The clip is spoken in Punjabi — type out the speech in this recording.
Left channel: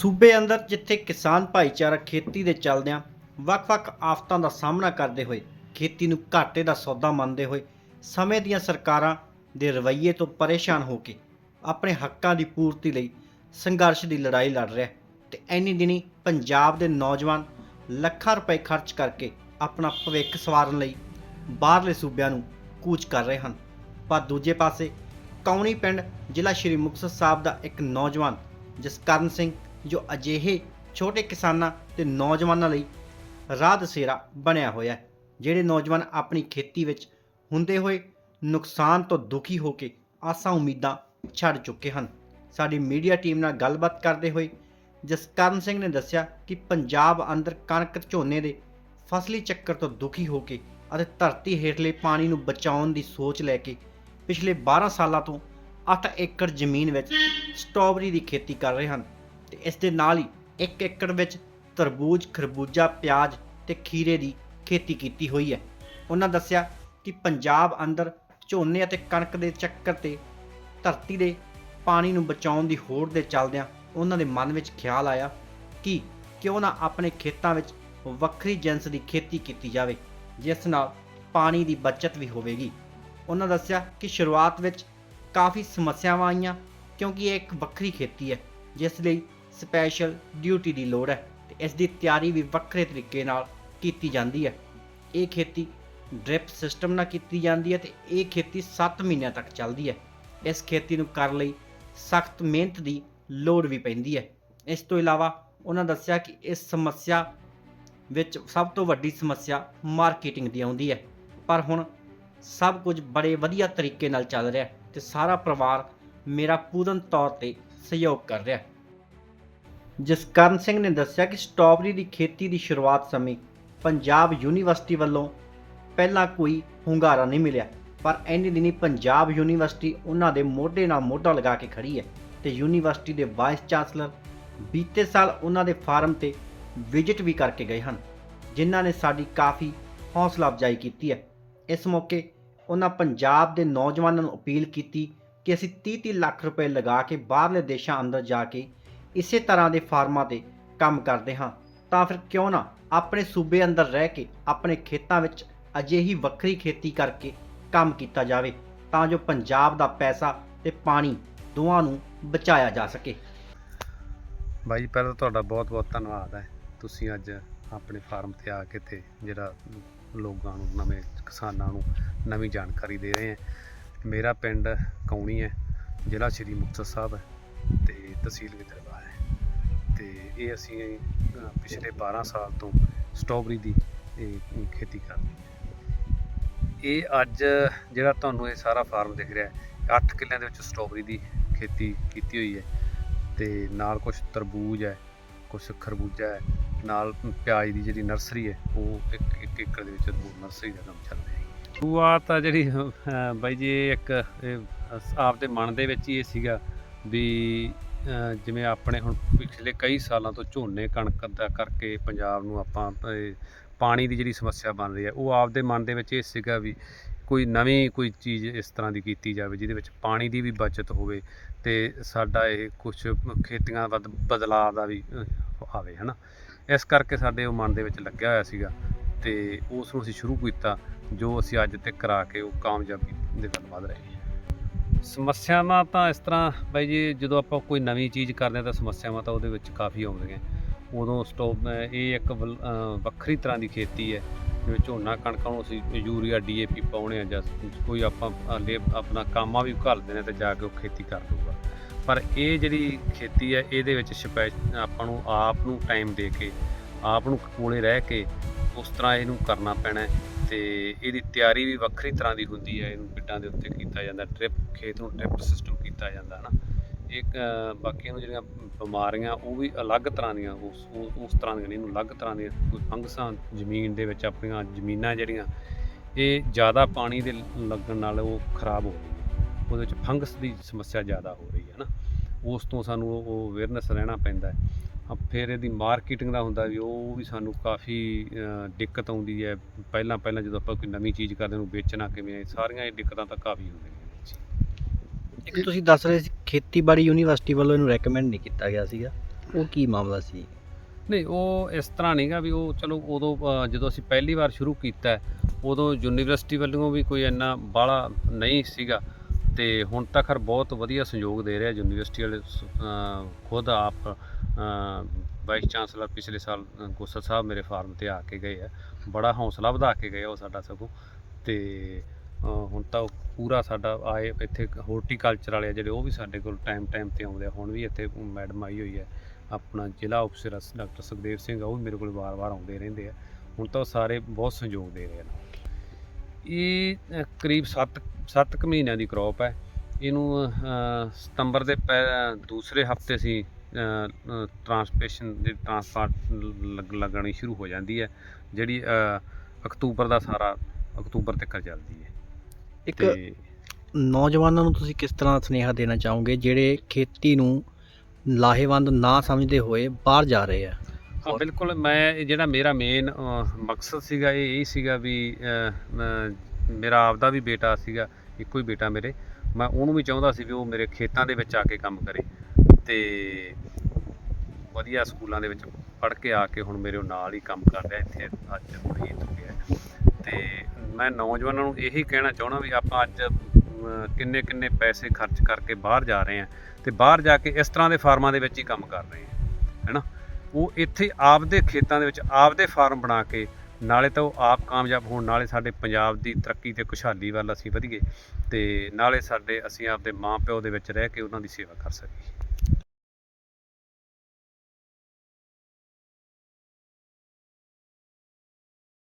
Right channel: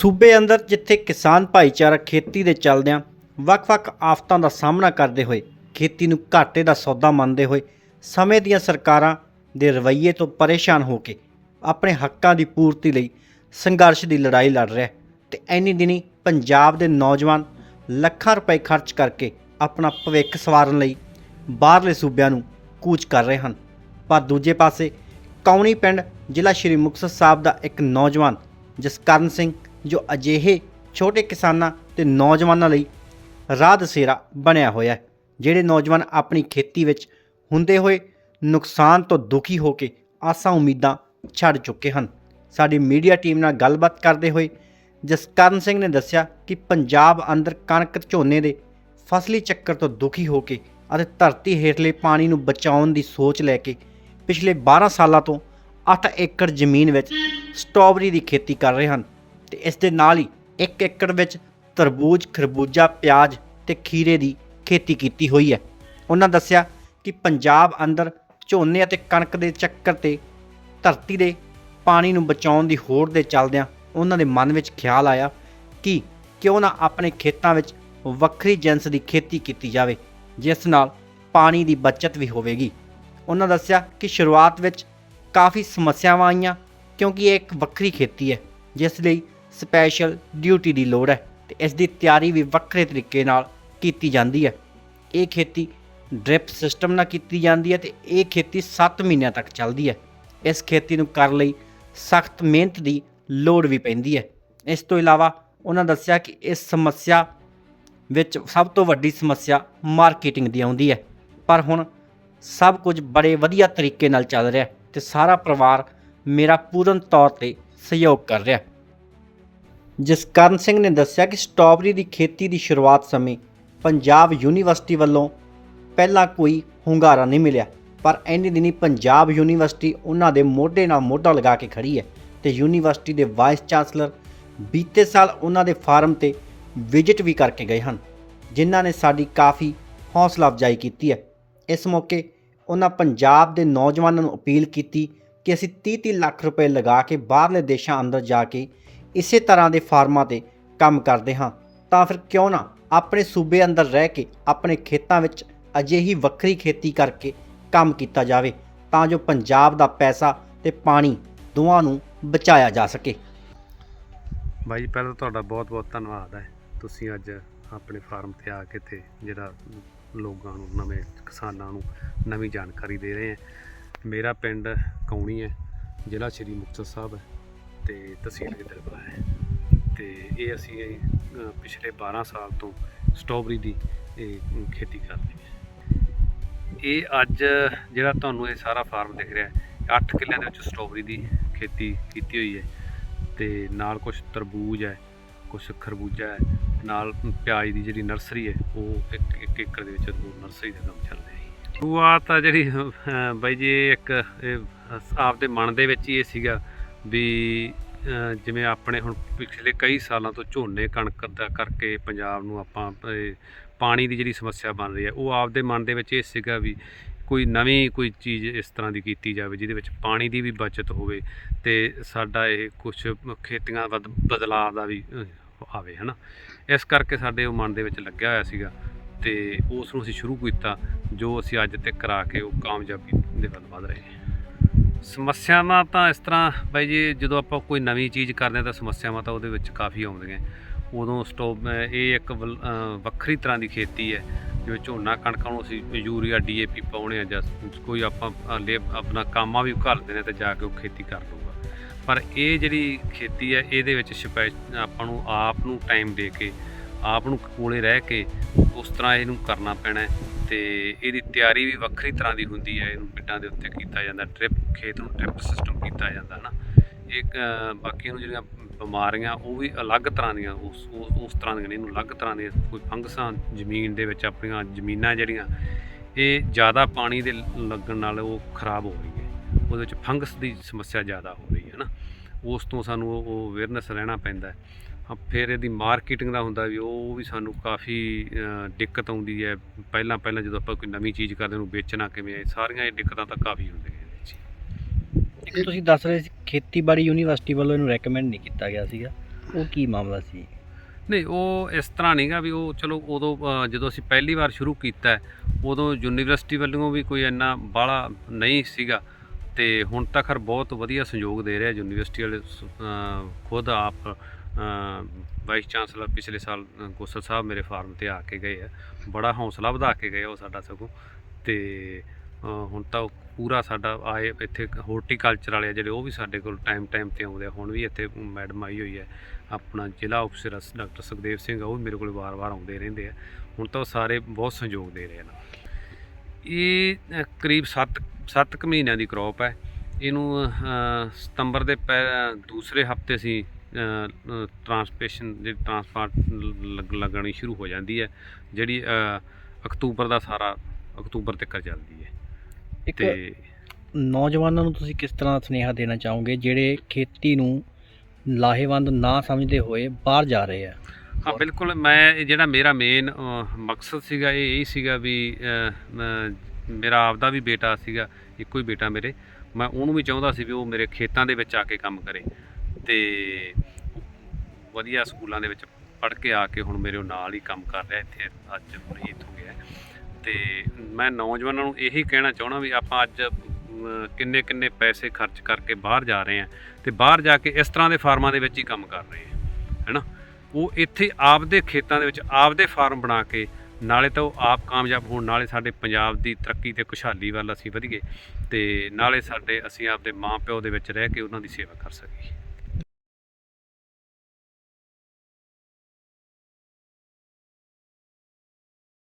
ਸੂਬੇ ਅੰਦਰ ਜਿੱਥੇ ਕਿਸਾਨ ਭਾਈਚਾਰਾ ਖੇਤੀ ਦੇ ਚੱਲਦਿਆਂ ਵੱਖ-ਵੱਖ ਆਫਤਾਂ ਦਾ ਸਾਹਮਣਾ ਕਰਦੇ ਹੋਏ ਖੇਤੀ ਨੂੰ ਘਾਟੇ ਦਾ ਸੌਦਾ ਮੰਨਦੇ ਹੋਏ ਸਮੇਂ ਦੀਆਂ ਸਰਕਾਰਾਂ ਦੇ ਰਵੱਈਏ ਤੋਂ ਪਰੇਸ਼ਾਨ ਹੋ ਕੇ ਆਪਣੇ ਹੱਕਾਂ ਦੀ ਪੂਰਤੀ ਲਈ ਸੰਘਰਸ਼ ਦੀ ਲੜਾਈ ਲੜ ਰਿਹਾ ਹੈ ਤੇ ਐਨੀ ਦਿਨੀ ਪੰਜਾਬ ਦੇ ਨੌਜਵਾਨ ਲੱਖਾਂ ਰੁਪਏ ਖਰਚ ਕਰਕੇ ਆਪਣਾ ਭਵਿੱਖ ਸਵਾਰਨ ਲਈ ਬਾਹਰਲੇ ਸੂਬਿਆਂ ਨੂੰ ਕੂਚ ਕਰ ਰਹੇ ਹਨ। ਪਰ ਦੂਜੇ ਪਾਸੇ ਕੌਣੀ ਪਿੰਡ ਜ਼ਿਲ੍ਹਾ ਸ਼੍ਰੀ ਮੁਕਤਸਰ ਸਾਹਿਬ ਦਾ ਇੱਕ ਨੌਜਵਾਨ ਜਸਕਰਨ ਸਿੰਘ ਜੋ ਅਜਿਹੇ ਛੋਟੇ ਕਿਸਾਨਾਂ ਤੇ ਨੌਜਵਾਨਾਂ ਲਈ ਰਾਹ ਦਸੇਰਾ ਬਣਿਆ ਹੋਇਆ ਹੈ, ਜਿਹੜੇ ਨੌਜਵਾਨ ਆਪਣੀ ਖੇਤੀ ਵਿੱਚ ਹੁੰਦੇ ਹੋਏ ਨੁਕਸਾਨ ਤੋਂ ਦੁਖੀ ਹੋ ਕੇ ਆਸਾਂ ਉਮੀਦਾਂ ਛੱਡ ਚੁੱਕੇ ਹਨ। ਸਾਡੀ ਮੀਡੀਆ ਟੀਮ ਨਾਲ ਗੱਲਬਾਤ ਕਰਦੇ ਹੋਏ ਜਸਕਰਨ ਸਿੰਘ ਨੇ ਦੱਸਿਆ ਕਿ ਪੰਜਾਬ ਅੰਦਰ ਕਣਕ ਝੋਨੇ ਦੇ ਫਸਲੀ ਚੱਕਰ ਤੋਂ ਦੁਖੀ ਹੋ ਕੇ ਅਤੇ ਧਰਤੀ ਹੇਠਲੇ ਪਾਣੀ ਨੂੰ ਬਚਾਉਣ ਦੀ ਸੋਚ ਲੈ ਕੇ ਪਿਛਲੇ 12 ਸਾਲਾਂ ਤੋਂ 8 ਏਕੜ ਜ਼ਮੀਨ ਵਿੱਚ ਸਟ੍ਰਾਬੇਰੀ ਦੀ ਖੇਤੀ ਕਰ ਰਹੇ ਹਨ। ਤੇ ਇਸ ਦੇ ਨਾਲ ਹੀ 1 ਏਕੜ ਵਿੱਚ ਤਰਬੂਜ, ਖਰਬੂਜਾ, ਪਿਆਜ਼ ਤੇ ਖੀਰੇ ਦੀ ਖੇਤੀ ਕੀਤੀ ਹੋਈ ਹੈ। ਉਹਨਾਂ ਦੱਸਿਆ ਕਿ ਪੰਜਾਬ ਅੰਦਰ ਝੋਨੇ ਅਤੇ ਕਣਕ ਦੇ ਚੱਕਰ ਤੇ ਧਰਤੀ ਦੇ ਪਾਣੀ ਨੂੰ ਬਚਾਉਣ ਦੀ ਹੋੜ ਦੇ ਚੱਲਦਿਆਂ ਉਹਨਾਂ ਦੇ ਮਨ ਵਿੱਚ ਖਿਆਲ ਆਇਆ ਕਿ ਕਿਉਂ ਨਾ ਆਪਣੇ ਖੇਤਾਂ ਵਿੱਚ ਵੱਖਰੀ ਜਿਨਸ ਦੀ ਖੇਤੀ ਕੀਤੀ ਜਾਵੇ, ਜਿਸ ਨਾਲ ਪਾਣੀ ਦੀ ਬਚਤ ਵੀ ਹੋਵੇਗੀ। ਉਹਨਾਂ ਦੱਸਿਆ ਕਿ ਸ਼ੁਰੂਆਤ ਵਿੱਚ ਕਾਫੀ ਸਮੱਸਿਆਵਾਂ ਆਈਆਂ ਕਿਉਂਕਿ ਇਹ ਇੱਕ ਵੱਖਰੀ ਖੇਤੀ ਹੈ, ਜਿਸ ਲਈ ਸਪੈਸ਼ਲ ਡਿਊਟੀ ਦੀ ਲੋੜ ਹੈ ਤੇ ਇਸ ਦੀ ਤਿਆਰੀ ਵੀ ਵੱਖਰੇ ਤਰੀਕੇ ਨਾਲ ਕੀਤੀ ਜਾਂਦੀ ਹੈ। ਇਹ ਖੇਤੀ ਡ੍ਰਿਪ ਸਿਸਟਮ ਨਾਲ ਕੀਤੀ ਜਾਂਦੀ ਹੈ ਤੇ ਇਹ ਖੇਤੀ 7 ਮਹੀਨਿਆਂ ਤੱਕ ਚੱਲਦੀ ਹੈ। ਇਸ ਖੇਤੀ ਨੂੰ ਕਰਨ ਲਈ ਸਖਤ ਮਿਹਨਤ ਦੀ ਲੋੜ ਵੀ ਪੈਂਦੀ ਹੈ। ਇਸ ਤੋਂ ਇਲਾਵਾ ਉਹਨਾਂ ਦੱਸਿਆ ਕਿ ਇਸ ਸਮੱਸਿਆ ਵਿੱਚ ਸਭ ਤੋਂ ਵੱਡੀ ਸਮੱਸਿਆ ਮਾਰਕੀਟਿੰਗ ਦੀ ਆਉਂਦੀ ਹੈ। ਪਰ ਹੁਣ ਸਭ ਕੁਝ ਬੜੇ ਵਧੀਆ ਤਰੀਕੇ ਨਾਲ ਚੱਲ ਰਿਹਾ ਹੈ ਤੇ ਸਾਰਾ ਪਰਿਵਾਰ ਮੇਰਾ ਪੂਰਨ ਤੌਰ ਤੇ ਸਹਿਯੋਗ ਕਰ ਰਿਹਾ ਜਸਕਰਨ ਸਿੰਘ ਨੇ ਦੱਸਿਆ ਕਿ ਸਟ੍ਰਾਬੇਰੀ ਦੀ ਖੇਤੀ ਦੀ ਸ਼ੁਰੂਆਤ ਸਮੇਂ ਪੰਜਾਬ ਯੂਨੀਵਰਸਿਟੀ ਵੱਲੋਂ ਪਹਿਲਾਂ ਕੋਈ ਹੁੰਗਾਰਾ ਨਹੀਂ ਮਿਲਿਆ, ਪਰ ਇੰਨੇ ਦਿਨੀ ਪੰਜਾਬ ਯੂਨੀਵਰਸਿਟੀ ਉਹਨਾਂ ਦੇ ਮੋਢੇ ਨਾਲ ਮੋਢਾ ਲਗਾ ਕੇ ਖੜੀ ਹੈ ਤੇ ਯੂਨੀਵਰਸਿਟੀ ਦੇ ਵਾਈਸ ਚਾਂਸਲਰ ਬੀਤੇ ਸਾਲ ਉਹਨਾਂ ਦੇ ਫਾਰਮ ਤੇ ਵਿਜ਼ਿਟ ਵੀ ਕਰਕੇ ਗਏ ਹਨ, ਜਿਨ੍ਹਾਂ ਨੇ ਸਾਡੀ ਕਾਫੀ ਹੌਸਲਾ ਅਫਜ਼ਾਈ ਕੀਤੀ ਹੈ। ਇਸ ਮੌਕੇ ਉਹਨਾਂ ਪੰਜਾਬ ਦੇ ਨੌਜਵਾਨਾਂ ਨੂੰ ਅਪੀਲ ਕੀਤੀ ਕਿ ਅਸੀਂ 30-30 ਲੱਖ ਰੁਪਏ ਲਗਾ ਕੇ ਬਾਹਰਲੇ ਦੇਸ਼ਾਂ ਅੰਦਰ ਜਾ ਕੇ ਇਸੇ ਤਰ੍ਹਾਂ ਦੇ ਫਾਰਮਾਂ ਤੇ ਕੰਮ ਕਰਦੇ ਹਾਂ। ਤਾਂ ਫਿਰ ਕਿਉਂ ਨਾ ਆਪਣੇ ਸੂਬੇ ਅੰਦਰ ਰਹਿ ਕੇ ਆਪਣੇ ਖੇਤਾਂ ਵਿੱਚ ਅਜਿਹੀ ਵੱਖਰੀ ਖੇਤੀ ਕਰਕੇ ਕੰਮ ਕੀਤਾ ਜਾਵੇ, ਤਾਂ ਜੋ ਪੰਜਾਬ ਦਾ ਪੈਸਾ ਤੇ ਪਾਣੀ ਦੋਵਾਂ ਨੂੰ ਬਚਾਇਆ ਜਾ ਸਕੇ। ਬਾਈ ਜੀ, ਪਹਿਲਾਂ ਤੁਹਾਡਾ ਬਹੁਤ-ਬਹੁਤ ਧੰਨਵਾਦ ਹੈ। ਤੁਸੀਂ ਅੱਜ ਆਪਣੇ ਫਾਰਮ ਤੇ ਆ ਕੇ ਤੇ ਜਿਹੜਾ ਲੋਕਾਂ ਨੂੰ, ਨਵੇਂ ਕਿਸਾਨਾਂ ਨੂੰ ਨਵੀਂ ਜਾਣਕਾਰੀ ਦੇ ਰਹੇ ਹੈ। ਮੇਰਾ ਪਿੰਡ ਕੌਣੀ ਹੈ, ਜ਼ਿਲ੍ਹਾ ਸ਼੍ਰੀ ਮੁਕਤਸਰ ਸਾਹਿਬ ਹੈ। ਤੇ ਤਹਿਸੀਲ ਗਿੱਦੜਬਾਹਾ ਹੈ। ਤੇ ਇਹ ਅਸੀਂ ਪਿਛਲੇ 12 ਸਾਲ ਤੋਂ ਸਟ੍ਰਾਬੇਰੀ ਦੀ ਇਹ ਖੇਤੀ ਕਰਦੇ ਹਾਂ। ਇਹ ਅੱਜ ਜਿਹੜਾ ਤੁਹਾਨੂੰ ਇਹ ਸਾਰਾ ਫਾਰਮ ਦਿਖ ਰਿਹਾ ਹੈ 8 ਕਿੱਲਿਆਂ ਦੇ ਵਿੱਚ ਸਟ੍ਰਾਬੇਰੀ ਦੀ ਖੇਤੀ ਕੀਤੀ ਹੋਈ ਹੈ। ਤੇ ਨਾਲ ਕੁਝ ਤਰਬੂਜ ਹੈ ਕੁਝ ਖਰਬੂਜਾ ਹੈ, ਨਾਲ ਪਿਆਜ਼ ਦੀ ਜਿਹੜੀ ਨਰਸਰੀ ਹੈ, ਉਹ ਇੱਕ ਇੱਕ ਏਕੜ ਦੇ ਵਿੱਚ ਨਰਸਰੀ ਦਾ ਕੰਮ ਚੱਲ ਰਿਹਾ ਹੈ। ਸ਼ੁਰੂਆਤ ਆ ਜਿਹੜੀ ਬਾਈ ਜੀ, ਇਹ ਇੱਕ, ਇਹ ਆਪਦੇ ਮਨ ਦੇ ਵਿੱਚ ਹੀ ਇਹ ਸੀਗਾ ਵੀ ਜਿਵੇਂ ਆਪਣੇ ਹੁਣ ਪਿਛਲੇ ਕਈ ਸਾਲਾਂ ਤੋਂ ਝੋਨੇ ਕਣਕ ਦਾ ਕਰਕੇ ਪੰਜਾਬ ਨੂੰ ਆਪਾਂ ਪਾਣੀ ਦੀ ਜਿਹੜੀ ਸਮੱਸਿਆ ਬਣ ਰਹੀ ਹੈ ਉਹ ਆਪਦੇ ਮਨ ਦੇ ਵਿੱਚ ਇਹ ਸੀਗਾ ਵੀ ਕੋਈ ਨਵੀਂ ਕੋਈ ਚੀਜ਼ ਇਸ ਤਰ੍ਹਾਂ ਦੀ ਕੀਤੀ ਜਾਵੇ ਜਿਹਦੇ ਵਿੱਚ ਪਾਣੀ ਦੀ ਵੀ ਬਚਤ ਹੋਵੇ ਤੇ ਸਾਡਾ ਇਹ ਕੁਝ ਖੇਤੀਆਂ ਵੱਧ ਬਦਲਾਅ ਦਾ ਵੀ ਅਹ, ਆਵੇ ਹਨਾ। ਇਸ ਕਰਕੇ ਸਾਡੇ ਉਹ ਮਨ ਦੇ ਵਿੱਚ ਲੱਗਿਆ ਹੋਇਆ ਸੀਗਾ ਤੇ ਉਸ ਨੂੰ ਅਸੀਂ ਸ਼ੁਰੂ ਕੀਤਾ ਜੋ ਅਸੀਂ ਅੱਜ ਤੱਕ ਕਰਾ ਕੇ ਉਹ ਕਾਮਯਾਬੀ ਦੇ ਵੱਲ ਵਧ ਰਹੇ ਹਾਂ। ਸਮੱਸਿਆਵਾਂ ਤਾਂ ਇਸ ਤਰ੍ਹਾਂ ਬਾਈ ਜੀ ਜਦੋਂ ਆਪਾਂ ਕੋਈ ਨਵੀਂ ਚੀਜ਼ ਕਰਦੇ ਹਾਂ ਤਾਂ ਸਮੱਸਿਆਵਾਂ ਤਾਂ ਉਹਦੇ ਵਿੱਚ ਕਾਫੀ ਆਉਂਦੀਆਂ। ਉਦੋਂ ਸਟੋਪ ਇਹ ਇੱਕ ਵਲ- ਵੱਖਰੀ ਤਰ੍ਹਾਂ ਦੀ ਖੇਤੀ ਹੈ। ਜਿਵੇਂ ਝੋਨਾ ਕਣਕਾਂ ਨੂੰ ਅਸੀਂ ਯੂਰੀਆ ਡੀਏਪੀ ਪਾਉਣੇ ਆ ਜਾਂ ਕੋਈ ਆਪਾਂ ਅਹ, ਆਪਣਾ ਕਾਮਾ ਵੀ ਘੱਲਦੇ ਨੇ ਤੇ ਜਾ ਕੇ ਉਹ ਖੇਤੀ ਕਰ ਲਊਗਾ ਪਰ ਇਹ ਜਿਹੜੀ ਖੇਤੀ ਹੈ ਇਹਦੇ ਵਿੱਚ ਸਪੈ ਆਪਾਂ ਨੂੰ ਆਪ ਨੂੰ ਟਾਈਮ ਦੇ ਕੇ ਆਪ ਨੂੰ ਕੋਲੇ ਰਹਿ ਕੇ ਉਸ ਤਰ੍ਹਾਂ ਇਹਨੂੰ ਕਰਨਾ ਪੈਣਾ ਤੇ ਇਹਦੀ ਤਿਆਰੀ ਵੀ ਵੱਖਰੀ ਤਰ੍ਹਾਂ ਦੀ ਹੁੰਦੀ ਹੈ। ਇਹਨੂੰ ਪਿੱਡਾਂ ਦੇ ਉੱਤੇ ਕੀਤਾ ਜਾਂਦਾ ਟ੍ਰਿਪ ਖੇਤ ਨੂੰ ਟ੍ਰਿਪ ਸਿਸਟਮ ਕੀਤਾ ਜਾਂਦਾ ਨਾ ਇੱਕ ਬਾਕੀ ਨੂੰ ਜਿਹੜੀਆਂ ਬਿਮਾਰੀਆਂ ਉਹ ਵੀ ਅਲੱਗ ਤਰ੍ਹਾਂ ਦੀਆਂ ਉਸ ਉਸ ਤਰ੍ਹਾਂ ਦੀਆਂ ਨਹੀਂ, ਇਹਨੂੰ ਅਲੱਗ ਤਰ੍ਹਾਂ ਦੀਆਂ ਕੋਈ ਫੰਗਸਾਂ ਜ਼ਮੀਨ ਦੇ ਵਿੱਚ ਆਪਣੀਆਂ ਜ਼ਮੀਨਾਂ ਜਿਹੜੀਆਂ ਇਹ ਜ਼ਿਆਦਾ ਪਾਣੀ ਦੇ ਲੱਗਣ ਨਾਲ ਉਹ ਖਰਾਬ ਹੋ ਰਹੀ ਹੈ। ਉਹਦੇ ਵਿੱਚ ਫੰਗਸ ਦੀ ਸਮੱਸਿਆ ਜ਼ਿਆਦਾ ਹੋ ਰਹੀ ਹੈ ਨਾ ਉਸ ਤੋਂ ਸਾਨੂੰ ਉਹ ਅਵੇਅਰਨੈਸ ਰਹਿਣਾ ਪੈਂਦਾ ਹੈ। ਫਿਰ ਇਹਦੀ ਮਾਰਕੀਟਿੰਗ ਦਾ ਹੁੰਦਾ ਵੀ ਉਹ ਵੀ ਸਾਨੂੰ ਕਾਫੀ ਦਿੱਕਤ ਆਉਂਦੀ ਹੈ। ਪਹਿਲਾਂ ਪਹਿਲਾਂ ਜਦੋਂ ਆਪਾਂ ਕੋਈ ਨਵੀਂ ਚੀਜ਼ ਕਰਦੇ ਉਹਨੂੰ ਵੇਚਣਾ ਕਿਵੇਂ ਹੈ ਸਾਰੀਆਂ ਇਹ ਦਿੱਕਤਾਂ ਤਾਂ ਕਾਫੀ ਹੁੰਦੀਆਂ ਇੱਕ ਤੁਸੀਂ ਦੱਸ ਰਹੇ ਸੀ ਖੇਤੀਬਾੜੀ ਯੂਨੀਵਰਸਿਟੀ ਵੱਲੋਂ ਇਹਨੂੰ ਰეკਮੈਂਡ ਨਹੀਂ ਕੀਤਾ ਗਿਆ ਸੀਗਾ। ਉਹ ਕੀ ਮਾਮਲਾ ਸੀ? ਨਹੀਂ ਉਹ ਇਸ ਤਰ੍ਹਾਂ ਨਹੀਂਗਾ ਵੀ ਉਹ ਚਲੋ ਉਦੋਂ ਜਦੋਂ ਅਸੀਂ ਪਹਿਲੀ ਵਾਰ ਸ਼ੁਰੂ ਕੀਤਾ ਉਦੋਂ ਯੂਨੀਵਰਸਿਟੀ ਵੱਲੋਂ ਵੀ ਕੋਈ ਇੰਨਾ ਬਾਹਲਾ ਨਹੀਂ ਸੀਗਾ। ਤੇ ਹੁਣ ਤਾਂ ਖਰ ਬਹੁਤ ਵਧੀਆ ਸਹਿਯੋਗ ਦੇ ਰਿਹਾ ਯੂਨੀਵਰਸਿਟੀ ਵਾਲੇ ਖੁਦ ਆਪ ਵਾਈਸ ਚਾਂਸਲਰ ਪਿਛਲੇ ਸਾਲ ਅ, ਗੋਸਲ ਸਾਹਿਬ ਮੇਰੇ ਫਾਰਮ ਤੇ ਆ ਕੇ ਗਏ ਆ। ਬੜਾ ਹੌਸਲਾ ਵਧਾ ਕੇ ਗਏ ਉਹ ਸਾਡਾ ਸਗੋਂ। ਤੇ ਹੁਣ ਤਾਂ ਉਹ ਪੂਰਾ ਸਾਡਾ ਆਏ ਇੱਥੇ ਹਾਰਟੀਕਲਚਰ ਵਾਲੇ ਆ ਜਿਹੜੇ ਉਹ ਵੀ ਸਾਡੇ ਕੋਲ ਟਾਈਮ ਟਾਈਮ ਤੇ ਆਉਂਦੇ ਆ। ਹੁਣ ਵੀ ਇੱਥੇ ਮੈਡਮ ਆਈ ਹੋਈ ਹੈ ਆਪਣਾ ਜ਼ਿਲ੍ਹਾ ਅਫਸਰ ਸ- ਡਾਕਟਰ ਸੁਖਦੇਵ ਸਿੰਘ ਆ ਉਹ ਵੀ ਮੇਰੇ ਕੋਲ ਵਾਰ-ਵਾਰ ਆਉਂਦੇ ਰਹਿੰਦੇ ਆ। ਹੁਣ ਤਾਂ ਉਹ ਸਾਰੇ ਬਹੁਤ ਸਹਿਯੋਗ ਦੇ ਰਹੇ ਨੇ। ਇਹ ਅ, ਕਰੀਬ 7 7 ਮਹੀਨਿਆਂ ਦੀ ਕ੍ਰੌਪ ਹੈ ਇਹਨੂੰ ਸਤੰਬਰ ਦੇ ਪਹਿ- ਦੂਸਰੇ ਹਫ਼ਤੇ ਸੀ ਟਰਾਂਸਪੇਸ਼ਨ ਦੀ ਟਰਾਂਸਪਾਰਟ ਲੱਗਣੀ ਸ਼ੁਰੂ ਹੋ ਜਾਂਦੀ ਹੈ ਜਿਹੜੀ ਅਕਤੂਬਰ ਦਾ ਸਾਰਾ ਅਕਤੂਬਰ ਤੱਕ ਚੱਲਦੀ ਹੈ। ਇੱਕ ਨੌਜਵਾਨਾਂ ਨੂੰ ਤੁਸੀਂ ਕਿਸ ਤਰ੍ਹਾਂ ਦਾ ਸੁਨੇਹਾ ਦੇਣਾ ਚਾਹੋਗੇ ਜਿਹੜੇ ਖੇਤੀ ਨੂੰ ਲਾਹੇਵੰਦ ਨਾ ਸਮਝਦੇ ਹੋਏ ਬਾਹਰ ਜਾ ਰਹੇ ਆ? ਹਾਂ ਬਿਲਕੁਲ ਮੈਂ ਜਿਹੜਾ ਮੇਰਾ ਮੇਨ ਮਕਸਦ ਸੀਗਾ ਇਹ ਇਹੀ ਸੀਗਾ ਵੀ ਮੇਰਾ ਆਪਦਾ ਵੀ ਬੇਟਾ ਸੀਗਾ ਇੱਕੋ ਹੀ ਬੇਟਾ ਮੇਰੇ। ਮੈਂ ਉਹਨੂੰ ਵੀ ਚਾਹੁੰਦਾ ਸੀ ਵੀ ਉਹ ਮੇਰੇ ਖੇਤਾਂ ਦੇ ਵਿੱਚ ਆ ਕੇ ਕੰਮ ਕਰੇ। ਤੇ ਵਧੀਆ ਸਕੂਲਾਂ ਦੇ ਵਿੱਚ ਪੜ੍ਹ ਕੇ ਆ ਕੇ ਹੁਣ ਮੇਰੇ ਨਾਲ ਹੀ ਕੰਮ ਕਰ ਰਿਹਾ ਇੱਥੇ, ਅੱਜ ਮੁਰੀਦ ਹੋ ਗਿਆ ਹੈ। ਤੇ ਮੈਂ ਨੌਜਵਾਨਾਂ ਨੂੰ ਇਹੀ ਕਹਿਣਾ ਚਾਹਣਾ ਵੀ ਆਪਾਂ ਅੱਜ ਕਿੰਨੇ ਕਿੰਨੇ ਪੈਸੇ ਖਰਚ ਕਰਕੇ ਬਾਹਰ ਜਾ ਰਹੇ ਹਾਂ ਤੇ ਬਾਹਰ ਜਾ ਕੇ ਇਸ ਤਰ੍ਹਾਂ ਦੇ ਫਾਰਮਾਂ ਦੇ ਵਿੱਚ ਹੀ ਕੰਮ ਕਰ ਰਹੇ ਹਾਂ, ਹੈਨਾ ਉਹ ਇੱਥੇ ਆਪਦੇ ਖੇਤਾਂ ਦੇ ਵਿੱਚ ਆਪਦੇ ਫਾਰਮ ਬਣਾ ਕੇ ਨਾਲੇ ਤਾਂ ਉਹ ਆਪ ਕਾਮਯਾਬ ਹੋਣ, ਨਾਲੇ ਸਾਡੇ ਪੰਜਾਬ ਦੀ ਤਰੱਕੀ ਤੇ ਖੁਸ਼ਹਾਲੀ ਵੱਲ ਅਸੀਂ ਵਧੀਏ ਤੇ ਨਾਲੇ ਸਾਡੇ, ਅਸੀਂ ਆਪਦੇ ਮਾਂ ਪਿਓ ਦੇ ਵਿੱਚ ਰਹਿ ਕੇ ਉਹਨਾਂ ਦੀ ਸੇਵਾ ਕਰ ਸਕੀਏ